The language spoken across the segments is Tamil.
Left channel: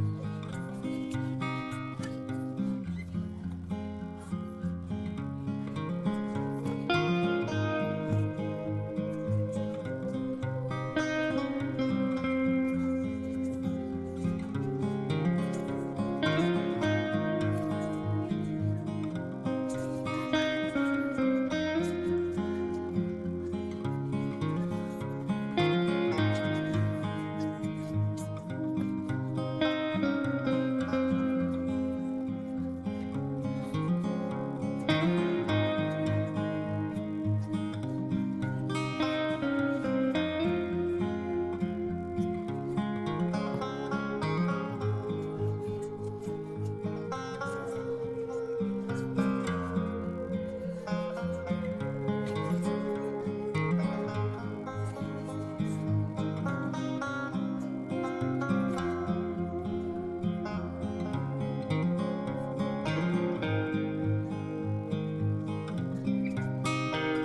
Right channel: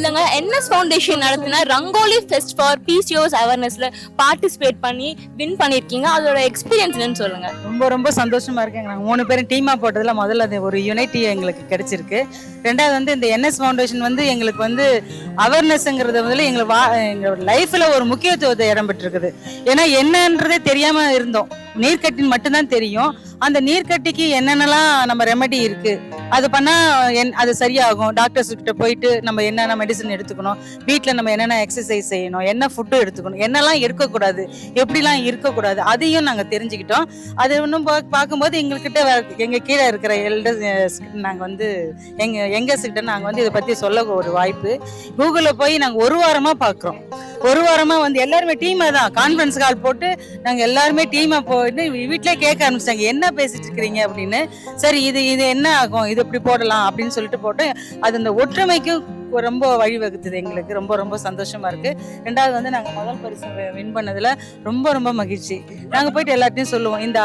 சொல்லுங்க, என்எஸ் ஃபவுண்டேஷன் நடத்தின ரங்கோலி ஃபெஸ்ட் ஃபார் பிசிஓஎஸ் அவேர்னஸ்ல பார்ட்டிசிபேட் பண்ணி வின் பண்ணிருக்கீங்க. அதோட எக்ஸ்பீரியன்ஸ் என்னன்னு சொல்லுங்க. ரொம்ப ரொம்ப சந்தோஷமா இருக்குங்க. நாங்கள் 3 பேரும் டீமா போட்டதுல முதல்ல அது ஒரு யூனிட்டி எங்களுக்கு கிடைச்சிருக்கு. ரெண்டாவது வந்து இந்த என்எஸ் ஃபவுண்டேஷன் வந்து எங்களுக்கு வந்து அவேர்னஸ்ங்கிறது வந்து எங்க லைஃப்ல ஒரு முக்கியத்துவத்தை இடம் பெற்றிருக்குது. ஏன்னா என்னன்றதே தெரியாம இருந்தோம். நீர்க்கட்டின்னு மட்டும்தான் தெரியும். அந்த நீர்க்கட்டிக்கு என்னென்னலாம் நம்ம ரெமெடி இருக்கு, அது பண்ணா அது சரியாகும். டாக்டர்ஸ் கிட்ட போயிட்டு நம்ம என்னென்ன மெடிசன் எடுத்துக்கணும், வீட்டில் நம்ம என்னென்ன எக்ஸசைஸ் செய்யணும், என்ன ஃபுட்டு எடுத்துக்கணும், என்னெல்லாம் இருக்கக்கூடாது, எப்படிலாம் இருக்கக்கூடாது, அதையும் நாங்கள் தெரிஞ்சுக்கிட்டோம். அது இன்னும் பார்க்கும்போது எங்ககிட்ட எங்கள் கீழே இருக்கிற எல்டர்ஸ் நாங்கள் வந்து எங்கர்ஸ் கிட்ட நாங்கள் வந்து இதை பற்றி சொல்ல ஒரு வாய்ப்பு. கூகுளில் போய் நாங்கள் ஒரு வாரமாக பார்க்குறோம். ஒரு வாரமாக வந்து எல்லாருமே டீமாக தான் கான்ஃபரன்ஸ் கால் போட்டு நாங்கள் எல்லாருமே டீமாக போயிட்டு வீட்டிலே கேட்க ஆரம்பிச்சிட்டாங்க, என்ன பேசிட்டு இருக்கிறீங்க அப்படின்னு. சரி இது என்ன ஆகும், இது இப்படி போடலாம் அப்படின்னு சொல்லிட்டு போட்டு அது அந்த ஒற்றுமைக்கும் ரொம்ப வழிவகுத்துது. எங்களுக்கு ரொம்ப ரொம்ப சந்தோஷமா இருக்கு. ரெண்டாவது வந்து நாங்கள் முதல் பரிசு வின் பண்ணதுல ரொம்ப ரொம்ப மகிழ்ச்சி. நாங்கள் போயிட்டு எல்லாத்தையும் சொல்லுவோம், இந்த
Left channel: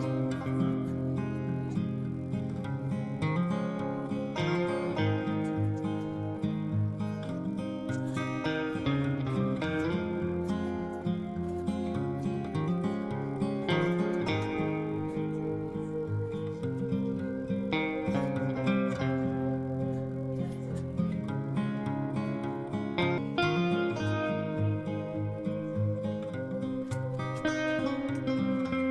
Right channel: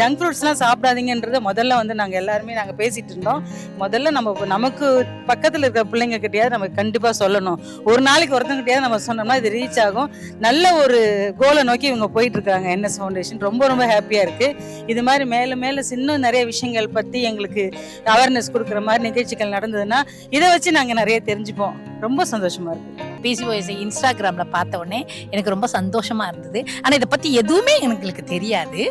ஜங்க் ஃப்ரூட்ஸ்லாம் சாப்பிடாதீங்கன்றத முதல்ல வந்து நாங்கள் எல்லாருமே நாங்கள் பேசிட்டு இருந்தோம். முதல்ல நமக்கு பக்கத்தில் இருக்கிற பிள்ளைங்க கிட்டயாவது நம்ம கண்டிப்பாக சொல்லணும். ஒரு நாளைக்கு ஒருத்தங்க கிட்டயாவது நம்ம சொன்னோம்னா இது ரீச் ஆகும். நல்ல ஒரு கோலை நோக்கி இவங்க போயிட்டு இருக்காங்க என்எஸ் ஃபவுண்டேஷன். ரொம்ப ரொம்ப ஹாப்பியாக இருக்கு. இது மாதிரி மேலே மேலே இன்னும் நிறைய விஷயங்கள் பற்றி எங்களுக்கு அவேர்னஸ் கொடுக்குற மாதிரி நிகழ்ச்சிகள் நடந்ததுன்னா இதை வச்சு நாங்கள் நிறைய தெரிஞ்சுப்போம். ரொம்ப சந்தோஷமா இருக்கு. பிசிஓஎஸ் இன்ஸ்டாகிராம்ல பார்த்த உடனே எனக்கு ரொம்ப சந்தோஷமா இருந்தது. ஆனா இதை பத்தி எதுவுமே எனக்கு தெரியாது.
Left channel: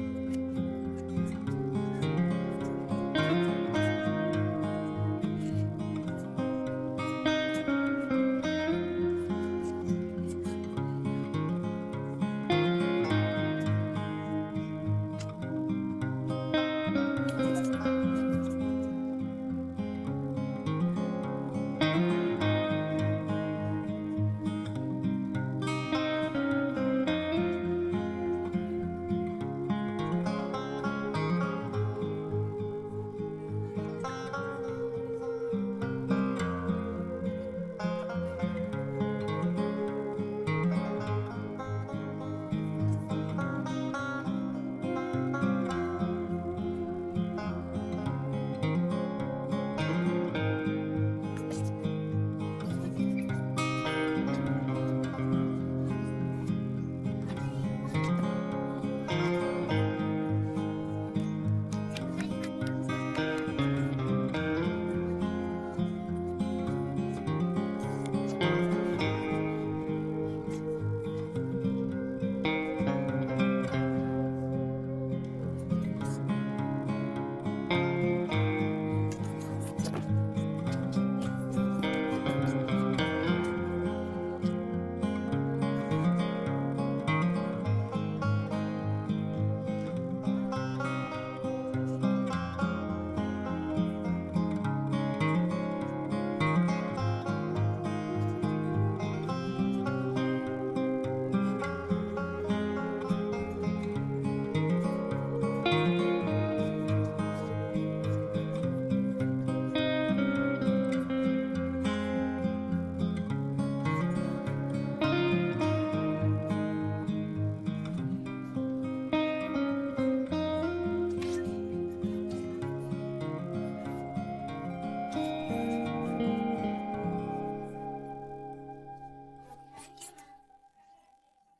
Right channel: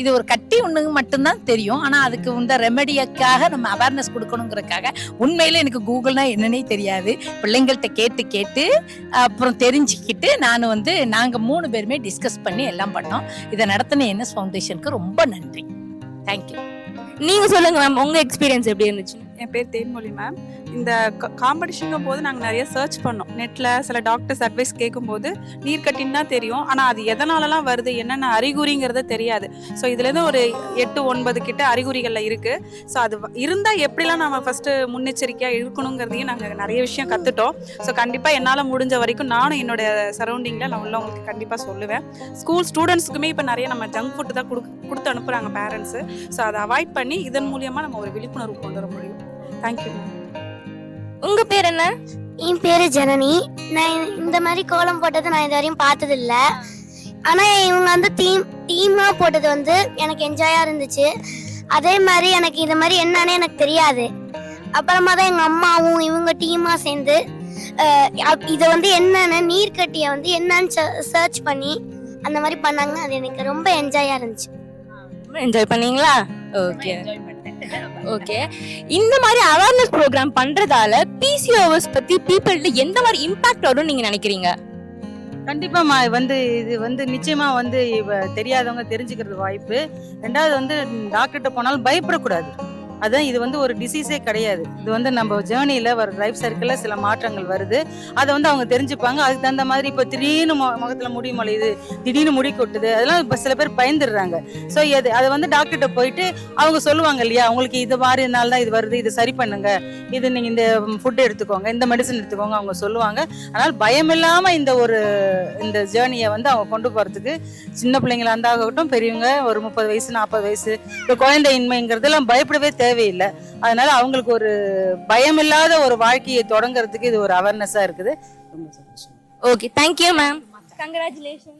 இது ஒரு கட்டி ஒண்ணு மட்டும்தான் தெரியும். ஆனா அதுக்கு இந்த ரெமெடியக்காக நம்ம அவேர்னஸ் கொடுக்கணுங்கிறதுக்காக உண்மையில எனக்கு கூகுள்னா என்னன்னே தெரியாது. பிள்ளைங்கள்ட்ட கேட்டு அப்புறம் தெரிஞ்சுக்கிட்டு நாங்க 3 பேருமே டிஸ்கஸ் பண்ணி எல்லாம் பண்ணோம். இதை நடத்தின என்எஸ் ஃபவுண்டேஷனுக்கு ரொம்ப நன்றி. தேங்க்யூ. நீங்க சொல்லுங்க மேம், உங்க எக்ஸ்பீரியன்ஸ் எப்படி இருந்துச்சு? என் பேர் தேன்மொழி மேம். இந்த காம்படிஷனுக்கும் போது நாங்கள் நிறைய சர்ச் பண்ணோம். நெட்டில் சில டாக்டர்ஸ் அட்வைஸ் கேட்கும்போது நீர்க்கட்டின்னு தான் தெரியும். ஆனால் அது எதனாலலாம் வருது, என்னென்ன அறிகுறிங்கிறது தெரியாது. ஸோ இதுலேருந்து ஒரு 8-9 கிட்ட அறிகுறிகளில் இருக்குது. ஸோ அது இருந்தால் எப்படிலாம் நம்ம ஃபஸ்ட்டு முன்னெச்சரிக்கையாக இருக்கணுங்கிறதையும் நாங்கள் நிறைய விஷயம் கற்றுட்டோம். ஸோ கண்டிப்பாக என்னால் முடிஞ்ச வரைக்கும் நானும் என்னோட சரௌண்டிங்கில் நான் உள்ளவங்களுக்கு கண்டிப்பாக சொல்லுவேன். ஸ்கூல் ஸ்டூடெண்ட்ஸ்க்குமே இப்போ நிறைய நம்ம ஜங்க் ஃபுட்டு தான் கொடுத்து அனுப்புகிறாங்க பேரண்ட்ஸு. ஸோ அதை அவாய்ட் பண்ணி இதன் மூலியமாக நம்ம ஒரு விழிப்புணர்வு கொண்டு வர முடியும். தேங்க்யூ. உங்க பேர் என்ன? என் பேரு ஜனனி. நான் இந்த மாதிரி கோலம் போட்டது நான் இது வரையும் பார்த்தது இல்லை. ஆனால் இவங்க வந்து டீமாக போட்டது வந்து எனக்கு என்ஜாயா இருந்துச்சு. அதே மாதிரி எனக்கு இது மாதிரி என்னன்னு எனக்கு தெரியாது. அப்புறமா தான் எங்கள் அம்மாவும் இவங்க டீமாக சேர்ந்து இதை வந்து என்னென்ன நீர்க்கட்டியை வந்து என்னன்னு சர்ச் பண்ணி அந்த மாதிரி பண்ணாங்க. அது எனக்கு ரொம்ப என்ஜாயா இருந்துச்சு. என்ஜாய் பண்ணீங்களா? Okay okay. இந்த மாதிரி அவேர்னஸ் ப்ரோக்ராம் பண்றதால பிசிஓஎஸ் பத்தி பீப்பிள்ட்ட எந்த மாதிரி இம்பாக்ட் வரும்னு நீங்க நினைக்கிறீங்க? கண்டிப்பாமா இது வந்து நிச்சயமா வந்து தெரியாதவங்க தெரிஞ்சுக்கிறது வாய்ப்பு. ரெண்டாவது வந்து டாக்டர்கிட்ட போனாலும் பயப்படக்கூடாது. அதான் இது வந்து ஒரு டிசீஸே கிடையாது. இது வந்து நம்ம ஜேர்னியில் வர லைஃப் சர்க்கிளில் சில மாற்றங்கள் வருது. அதை வந்து அவங்க தெரிஞ்சுப்பாங்க. அதுக்கு தகுந்த மாதிரி இப்போ திடீர்னு முகத்தில் முடி மொழியுது, திடீர்னு முடி கொட்டுது, அதெல்லாம் இப்போ சில பேர் பயந்துடுறாங்க. ஸோ அதை வந்து டாக்டர்கிட்ட போயிட்டு அவங்க சொல்லுவாங்க இல்லையா, அவங்களுக்கு இது மாதிரினால தான் இது வருது, இது சரி பண்ணுங்க, இது நீங்கள் இந்த ஃபுட் எடுத்துக்கோங்க, இந்த மெடிசன் எடுத்துக்கோங்க, அவங்க சொல்லுவாங்க. அதனால் பயம் இல்லாமல் இந்த ஜேர்னியை வந்து அவங்க கொண்டு போகிறதுக்கு சின்ன பிள்ளைங்களா இருந்தாகட்டும், பெரியவங்க ஒரு 30 வயசு 40 வயசு இப்போ குழந்தையின்மைங்கிறதெல்லாம் பயப்படவே தேவையில்லை. அதனால அவங்களுக்கு ஒரு பயமில்லாத ஒரு வாழ்க்கையை தொடங்குறதுக்கு இது ஒரு அவேர்னஸா இருக்குது. Okay, thank you ma'am. கங்க்ராச்சுலேஷன்.